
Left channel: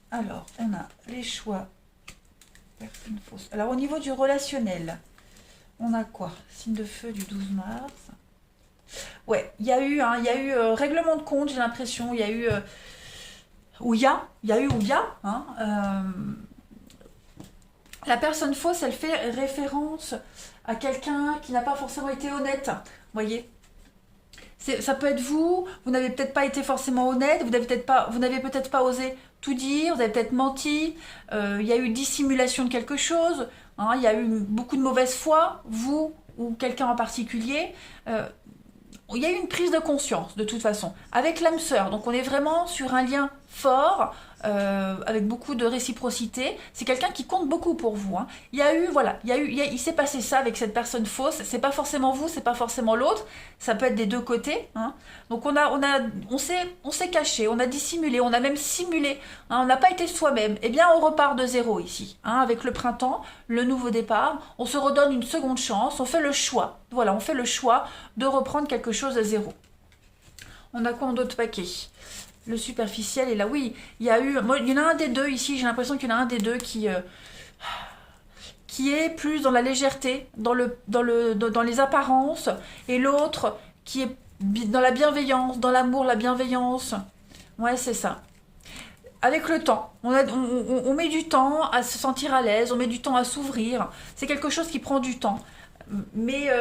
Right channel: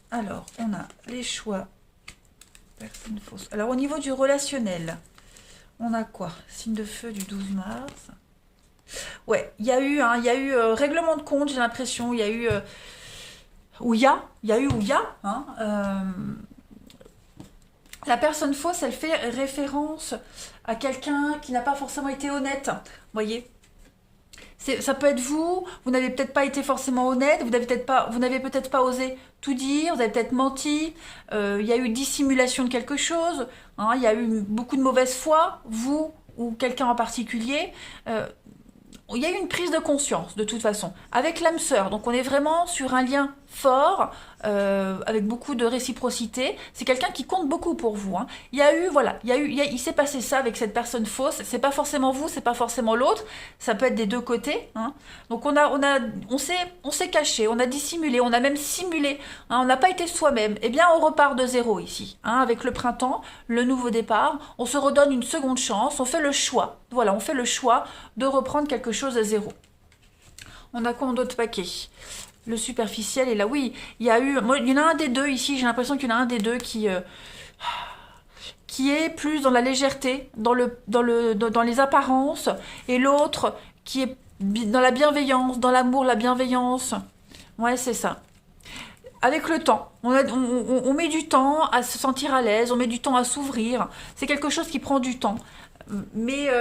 Alors, on a les choix. Personne fausse. Alors, au niveau du relationnel, on a quoi? Signe de feu du 12 mars. Ouais, il y a eu, hein, règlement de compte, j'ai l'impression. Il y a eu... hein, la personne fausse, elle fait référence à quelqu'un qui n'a pas forcément été honnête, voyez. Ça peut être vous, vous n'avez peut-être pas été forcément honnête, vous n'avez peut-être pas osé tout dire, vous avez peut-être menti, il y a eu dissimulation de quelque chose, hein, il y a eu beaucoup de mauvaise foi, vous ou quelqu'un en particulier. Il y a eu une prise de conscience de toute façon avec l'âme sœur, donc on est vraiment sur un lien fort avec beaucoup de réciprocité. C'est quelqu'un qui compte beaucoup pour vous, hein. Il y a eu, voilà, il s'est passé ça avec cette personne fausse. C'est pas forcément vous, c'est pas forcément l'autre, ça peut être des deux côtés, hein. Donc on s'est caché, on a dissimulé, on a même simulé, hein, on n'a pas été soi-même. Eh bien on repart de zéro ici, hein, avec le printemps, le nouveau départ. On se redonne une seconde chance, on fait le choix, voilà, on fait le choix de reprendre quelque chose à zéro. On a quoi en d'autres paquets? Le superficiel est là, oui, il y a eu, il y en a un des deux ici, j'ai l'impression qu'il y en a un des deux qui est plus dans la légèreté, dans les apparences, et l'autre qui est dans la bienveillance, dans l'amour, la bienveillance. Ouais, c'est ça. Avec le temps, on met du temps à se sentir à l'aise, on met du temps à s'ouvrir. C'est quelque chose qui prend du temps, mais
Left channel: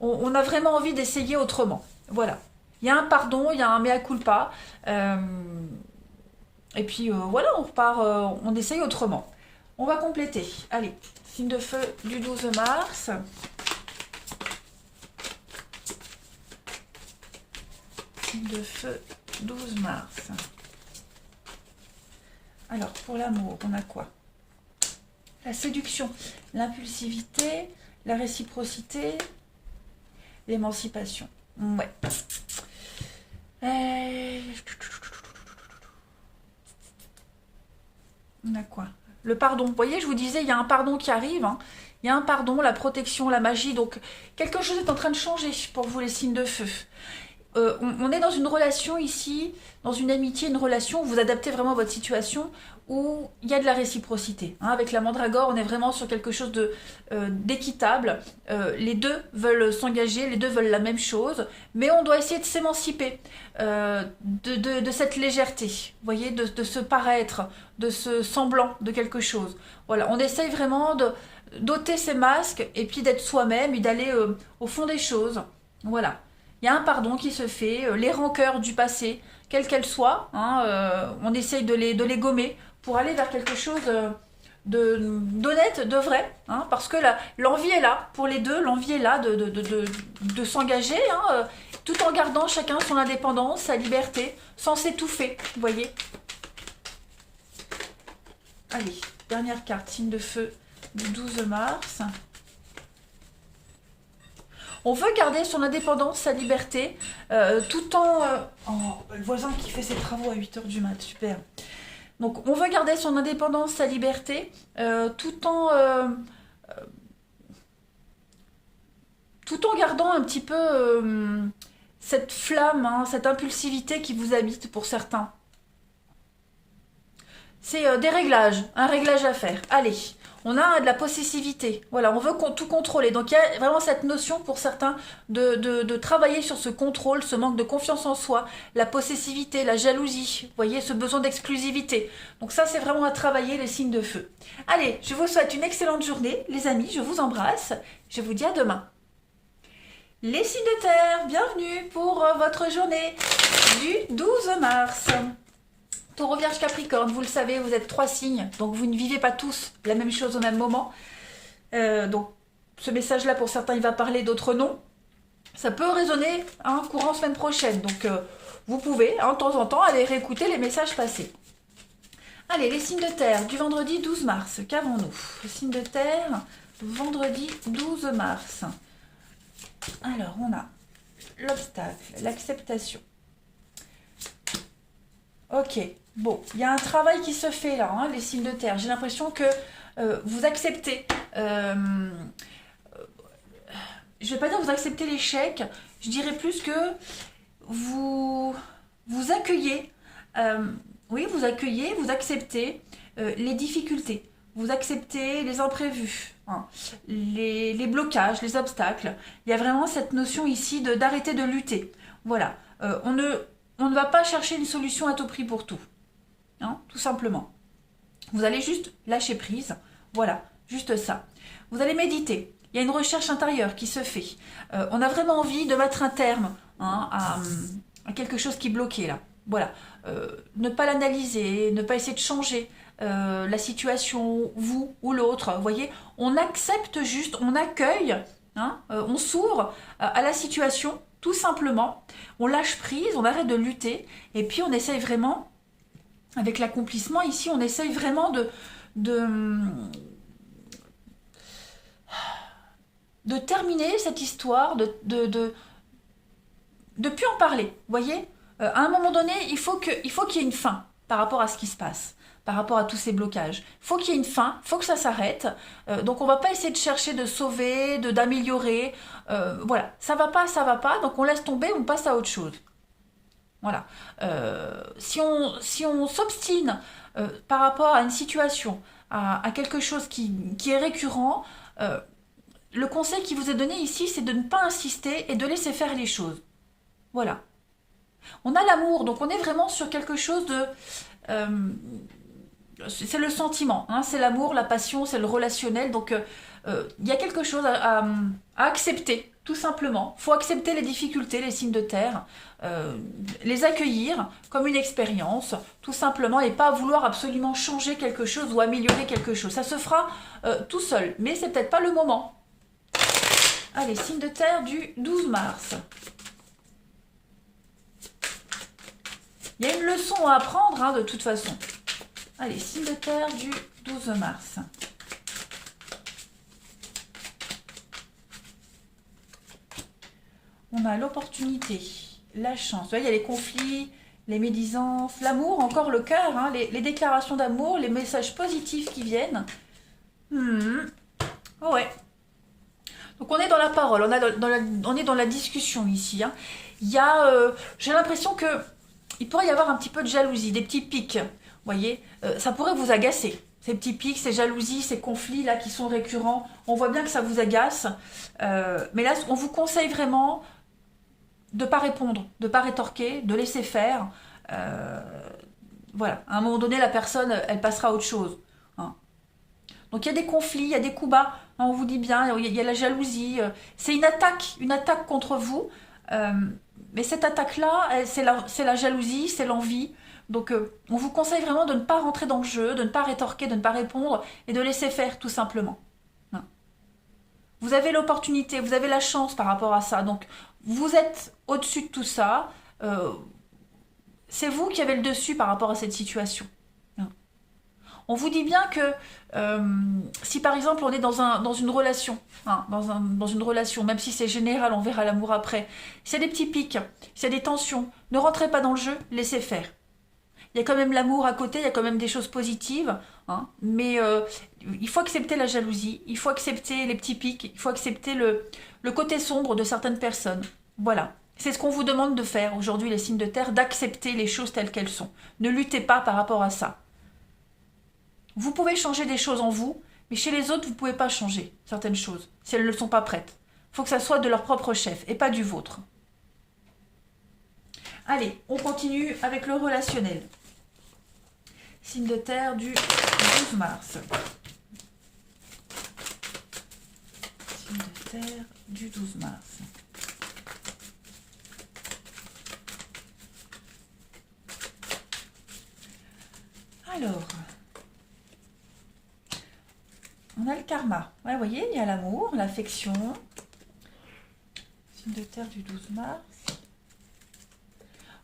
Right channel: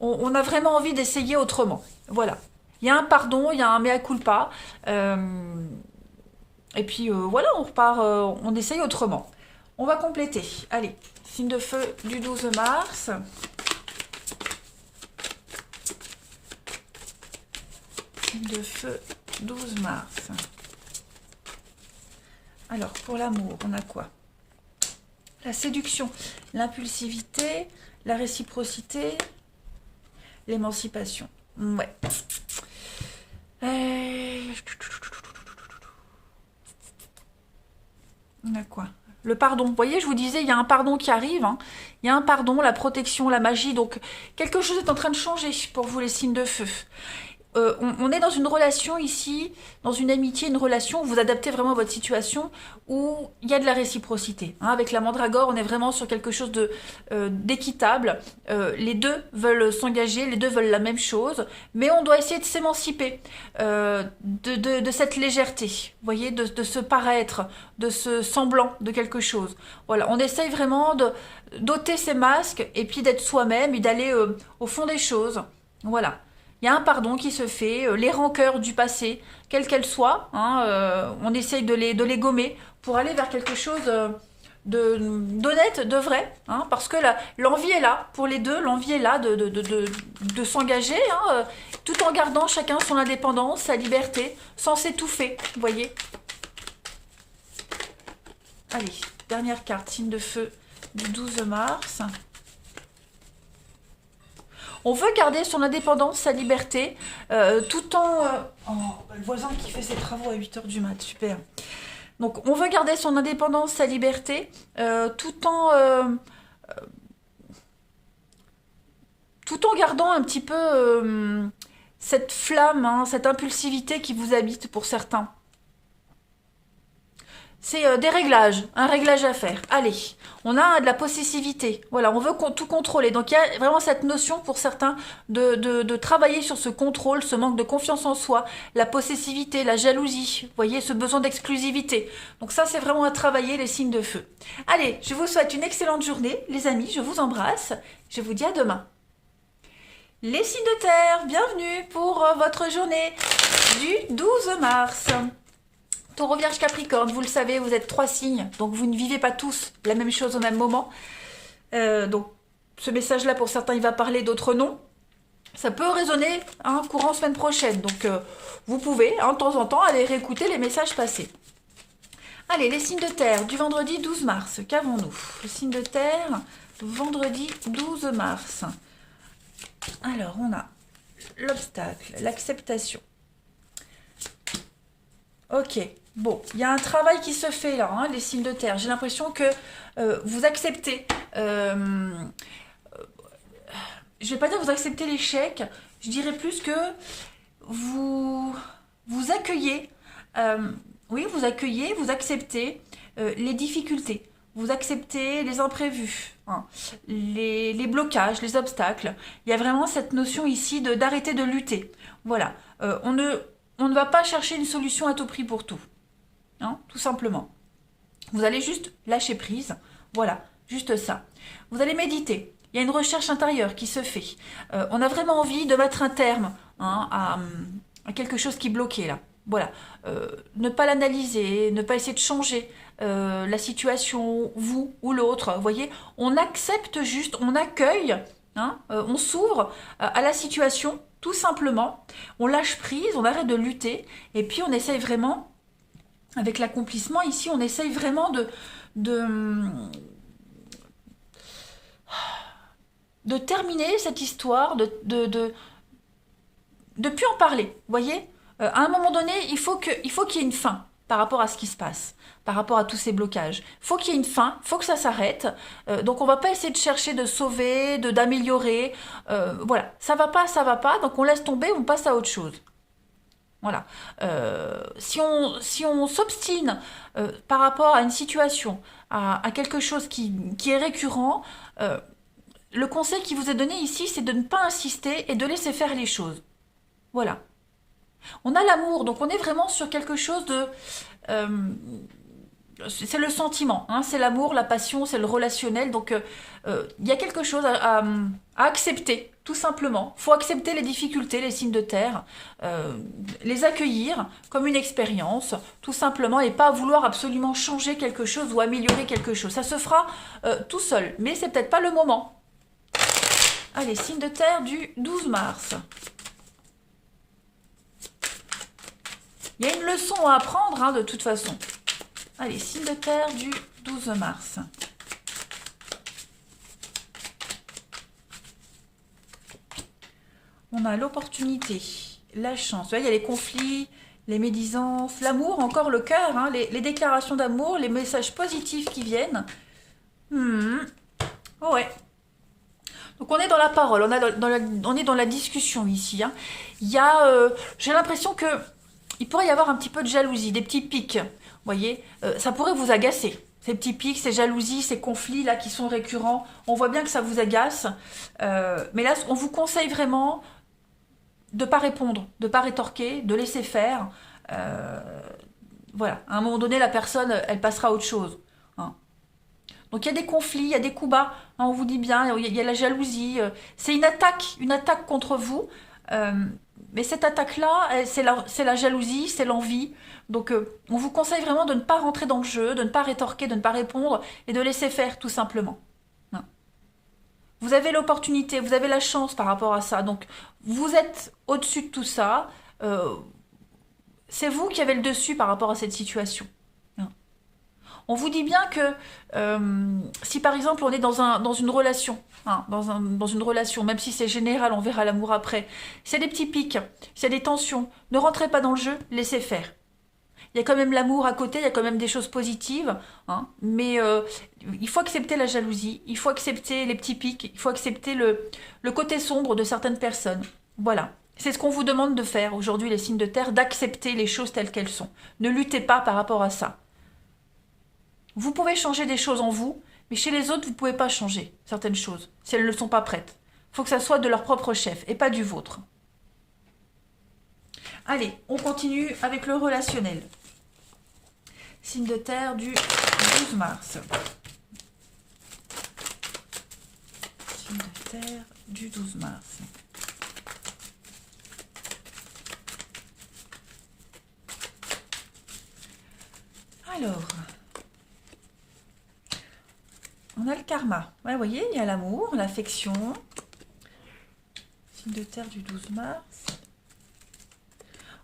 on a vraiment envie d'essayer autrement. Voilà. Il y a un pardon, il y a un mea culpa. Et puis voilà, on repart, on essaye autrement. On va compléter. Allez, signe de feu du 12 mars. Signe de feu 12 mars. Alors, pour l'amour, on a quoi? La séduction, l'impulsivité, la réciprocité, l'émancipation. Ouais. On a quoi? Le pardon. Vous voyez, je vous disais, il y a un pardon qui arrive. Hein. Il y a un pardon, la protection, la magie. Donc, quelque chose est en train de changer pour vous, les signes de feu. On est dans une relation ici, dans une amitié, une relation où vous adaptez vraiment à votre situation, où il y a de la réciprocité. Hein. Avec la mandragore, on est vraiment sur quelque chose d'équitable. Les deux veulent s'engager, les deux veulent la même chose, mais on doit essayer de s'émanciper de cette légèreté, vous voyez, de ce paraître, de ce semblant de quelque chose. Voilà, on essaye vraiment d'ôter ces masques et puis d'être soi-même et d'aller au fond des choses. Voilà. Il y a un pardon qui se fait, les rancœurs du passé, quelles qu'elles soient, hein, on essaye de les gommer pour aller vers quelque chose d'honnête, de vrai, hein, parce que l'envie est là pour les deux, l'envie est là de s'engager, hein, tout en gardant chacun son indépendance, sa liberté, sans s'étouffer, vous voyez. Allez, dernière carte, signe de feu du 12 mars. On veut garder son indépendance, sa liberté, tout en... Oh, le voisin qui fait ses travaux à 8 h du mat, super. Donc, on veut garder son indépendance, sa liberté, tout en gardant un petit peu cette flamme, hein, cette impulsivité qui vous habite pour certains. C'est des réglages, un réglage à faire. Allez, on a de la possessivité. Voilà, on veut tout contrôler. Donc il y a vraiment cette notion pour certains de travailler sur ce contrôle, ce manque de confiance en soi, la possessivité, la jalousie. Vous voyez, ce besoin d'exclusivité. Donc ça, c'est vraiment à travailler, les signes de feu. Allez, je vous souhaite une excellente journée, les amis. Je vous embrasse. Je vous dis à demain. Les signes de terre, bienvenue pour votre journée du 12 mars. Taureau, Vierge, Capricorne, vous le savez, vous êtes 3 signes, donc vous ne vivez pas tous la même chose au même moment. Donc ce message-là, pour certains, il va parler, d'autres non. Ça peut résonner hein, courant semaine prochaine, donc vous pouvez, hein, de temps en temps, aller réécouter les messages passés. Allez, les signes de terre, du vendredi 12 mars, qu'avons-nous? Les signes de terre, vendredi 12 mars. Alors, on a l'obstacle, l'acceptation. Ok, bon, il y a un travail qui se fait là, hein, les signes de terre. J'ai l'impression que vous acceptez, je vais pas dire vous acceptez l'échec, je dirais plus que vous accueillez, oui, vous accueillez, vous acceptez les difficultés, vous acceptez les imprévus, hein, les blocages, les obstacles. Il y a vraiment cette notion ici d'arrêter de lutter. Voilà, on ne va pas chercher une solution à tout prix pour tout, hein, tout simplement. Vous allez juste lâcher prise, voilà, juste ça. Vous allez méditer. Il y a une recherche intérieure qui se fait. On a vraiment envie de mettre un terme hein, à quelque chose qui bloquait là. Voilà. Ne pas l'analyser, ne pas essayer de changer la situation, vous ou l'autre. Vous voyez, on accepte juste, on accueille, hein, on s'ouvre à la situation, tout simplement. On lâche prise, on arrête de lutter, et puis on essaye vraiment, avec l'accomplissement ici, on essaye vraiment de terminer cette histoire, de plus en parler, vous voyez. À un moment donné, il faut qu'il y ait une fin par rapport à ce qui se passe, par rapport à tous ces blocages. Il faut qu'il y ait une fin, il faut que ça s'arrête. Donc on ne va pas essayer de chercher de sauver, d'améliorer. Voilà, ça va pas, donc on laisse tomber, on passe à autre chose. Voilà. Si on s'obstine par rapport à une situation, à quelque chose qui est récurrent, le conseil qui vous est donné ici, c'est de ne pas insister et de laisser faire les choses. Voilà. On a l'amour, donc on est vraiment sur quelque chose de... c'est le sentiment, hein, c'est l'amour, la passion, c'est le relationnel. Donc il y a quelque chose à accepter, tout simplement. Il faut accepter les difficultés, les signes de terre, les accueillir comme une expérience, tout simplement, et pas vouloir absolument changer quelque chose ou améliorer quelque chose. Ça se fera tout seul, mais c'est peut-être pas le moment. Allez, signe de terre du 12 mars. Il y a une leçon à apprendre, hein, de toute façon. Allez, signe de terre du 12 mars. On a l'opportunité, la chance. Vous voyez, il y a les conflits, les médisances, l'amour, encore le cœur, hein, les déclarations d'amour, les messages positifs qui viennent. Oh ouais. Donc on est dans la parole, on est dans la discussion ici. Hein. Il y a, j'ai l'impression que il pourrait y avoir un petit peu de jalousie, des petits pics. Vous voyez, ça pourrait vous agacer. Ces petits pics, ces jalousies, ces conflits là qui sont récurrents. On voit bien que ça vous agace. Mais là, on vous conseille vraiment de ne pas répondre, de ne pas rétorquer, de laisser faire. Voilà, à un moment donné, la personne, elle passera à autre chose. Hein. Donc il y a des conflits, il y a des coups bas, hein, on vous dit bien, il y a la jalousie. C'est une attaque contre vous. Mais cette attaque-là, c'est la jalousie, c'est l'envie. Donc on vous conseille vraiment de ne pas rentrer dans le jeu, de ne pas rétorquer, de ne pas répondre et de laisser faire tout simplement. Hein. Vous avez l'opportunité, vous avez la chance par rapport à ça. Donc vous êtes au-dessus de tout ça. C'est vous qui avez le dessus par rapport à cette situation. Hein. On vous dit bien que si par exemple on est dans une relation, hein, dans une relation, même si c'est général, on verra l'amour après, s'il y a des petits pics, s'il y a des tensions, ne rentrez pas dans le jeu, laissez faire. Il y a quand même l'amour à côté, il y a quand même des choses positives, hein, mais il faut accepter la jalousie, il faut accepter les petits pics, il faut accepter le côté sombre de certaines personnes. Voilà. C'est ce qu'on vous demande de faire aujourd'hui, les signes de terre, d'accepter les choses telles qu'elles sont. Ne luttez pas par rapport à ça. Vous pouvez changer des choses en vous, mais chez les autres, vous ne pouvez pas changer certaines choses, si elles ne sont pas prêtes. Il faut que ça soit de leur propre chef, et pas du vôtre. Allez, on continue avec le relationnel. Signe de terre du 12 mars. Signe de terre du 12 mars. Alors, on a le karma. Ouais, vous voyez, il y a l'amour, l'affection. Signe de terre du 12 mars.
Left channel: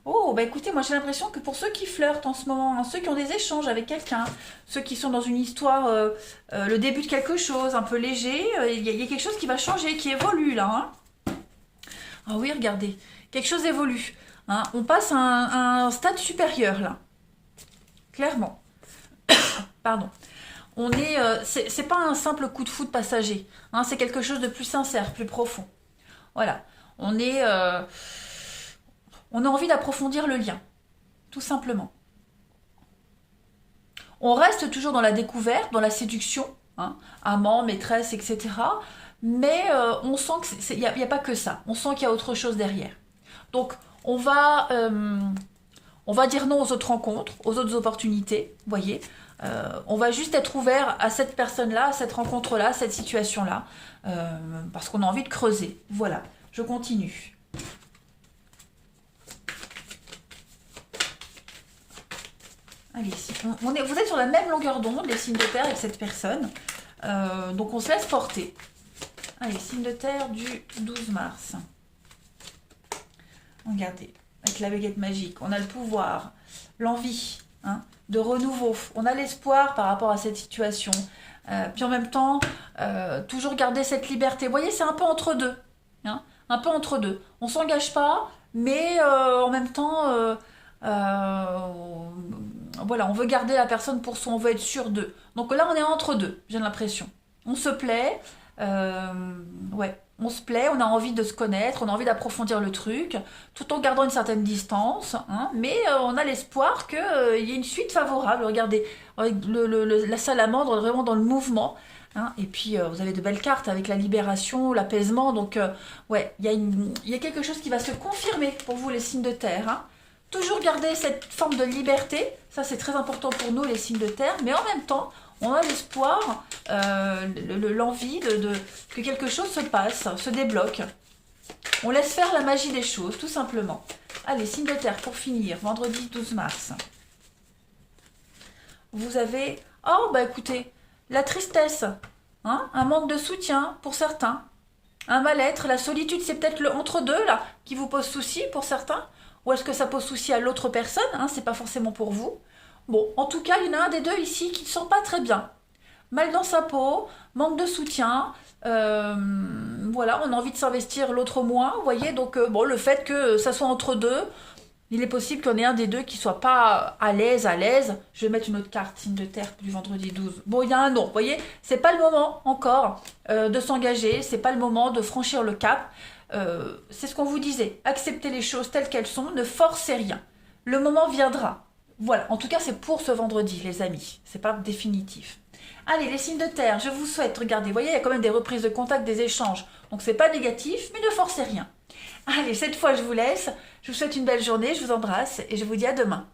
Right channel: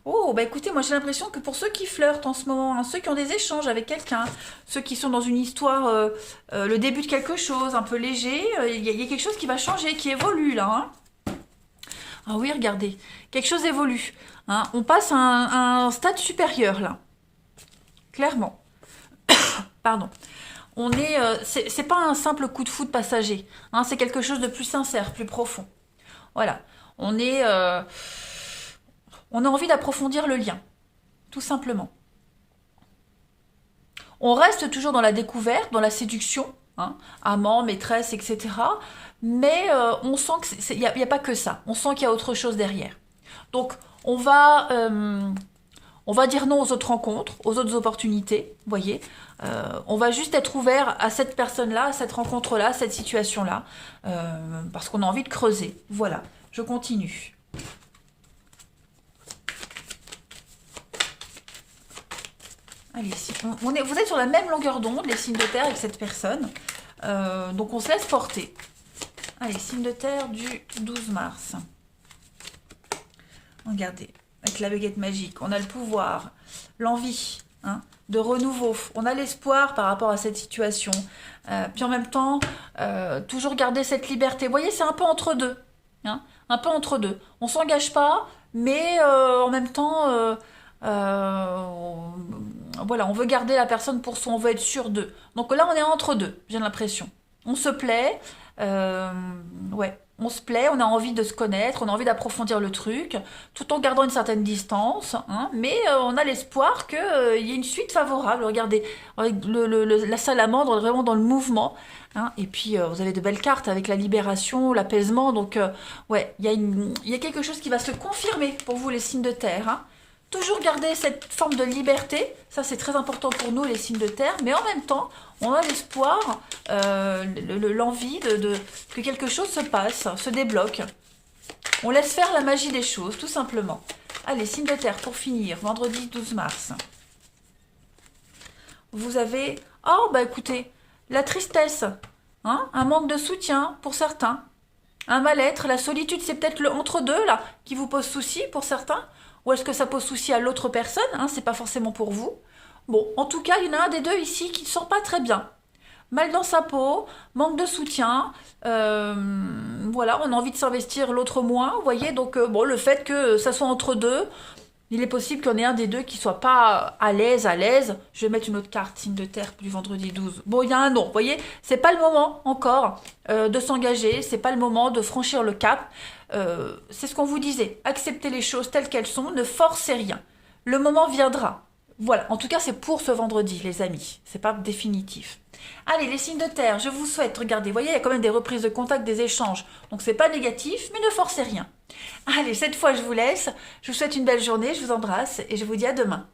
Oh, bah écoutez, moi j'ai l'impression que pour ceux qui flirtent en ce moment, hein, ceux qui ont des échanges avec quelqu'un, ceux qui sont dans une histoire, le début de quelque chose, un peu léger, il y a quelque chose qui va changer, qui évolue là. Hein. Ah oui, regardez, quelque chose évolue. Hein. On passe à un stade supérieur là. Clairement. Pardon. On est, c'est pas un simple coup de foudre passager. Hein, c'est quelque chose de plus sincère, plus profond. Voilà. On a envie d'approfondir le lien, tout simplement. On reste toujours dans la découverte, dans la séduction, hein, amant, maîtresse, etc. Mais on sent qu'il n'y a pas que ça. On sent qu'il y a autre chose derrière. Donc, on va dire non aux autres rencontres, aux autres opportunités, vous voyez. On va juste être ouvert à cette personne-là, à cette rencontre-là, à cette situation-là, parce qu'on a envie de creuser. Voilà, je continue. Allez, vous êtes sur la même longueur d'onde, les signes de terre avec cette personne. Donc on se laisse porter. Allez, signe de terre du 12 mars. Regardez, avec la baguette magique, on a le pouvoir, l'envie, hein, de renouveau. On a l'espoir par rapport à cette situation. Puis en même temps, toujours garder cette liberté. Vous voyez, c'est un peu entre deux. Hein, un peu entre deux. On ne s'engage pas, mais en même temps... voilà, on veut garder la personne pour soi, on veut être sûr d'eux. Donc là, on est entre deux, j'ai l'impression. On se plaît, ouais, on se plaît, on a envie de se connaître, on a envie d'approfondir le truc, tout en gardant une certaine distance, hein, mais on a l'espoir qu'il y ait une suite favorable. Regardez, la salamandre est vraiment dans le mouvement. Hein, et puis vous avez de belles cartes avec la libération, l'apaisement. Donc ouais, il y a quelque chose qui va se confirmer pour vous, les signes de terre. Hein. Toujours garder cette forme de liberté, ça c'est très important pour nous les signes de terre, mais en même temps, on a l'espoir, l'envie que quelque chose se passe, se débloque. On laisse faire la magie des choses, tout simplement. Allez, signe de terre pour finir, vendredi 12 mars. Vous avez, oh bah écoutez, la tristesse, hein, un manque de soutien pour certains, un mal-être, la solitude, c'est peut-être le entre-deux là qui vous pose souci pour certains, ou est-ce que ça pose souci à l'autre personne, hein, c'est pas forcément pour vous. Bon, en tout cas, il y en a un des deux ici qui ne sent pas très bien. Mal dans sa peau, manque de soutien, voilà, on a envie de s'investir, l'autre moins, vous voyez, donc bon, le fait que ça soit entre deux, il est possible qu'il y en ait un des deux qui soit pas à l'aise. Je vais mettre une autre carte, signe de terre du vendredi 12. Bon, il y a un non, vous voyez, c'est pas le moment encore de s'engager, c'est pas le moment de franchir le cap. C'est ce qu'on vous disait, acceptez les choses telles qu'elles sont, ne forcez rien. Le moment viendra. Voilà, en tout cas c'est pour ce vendredi les amis, c'est pas définitif. Allez, les signes de terre, je vous souhaite, regardez, vous voyez, il y a quand même des reprises de contact, des échanges, donc c'est pas négatif, mais ne forcez rien. Allez, cette fois je vous laisse, je vous souhaite une belle journée, je vous embrasse et je vous dis à demain.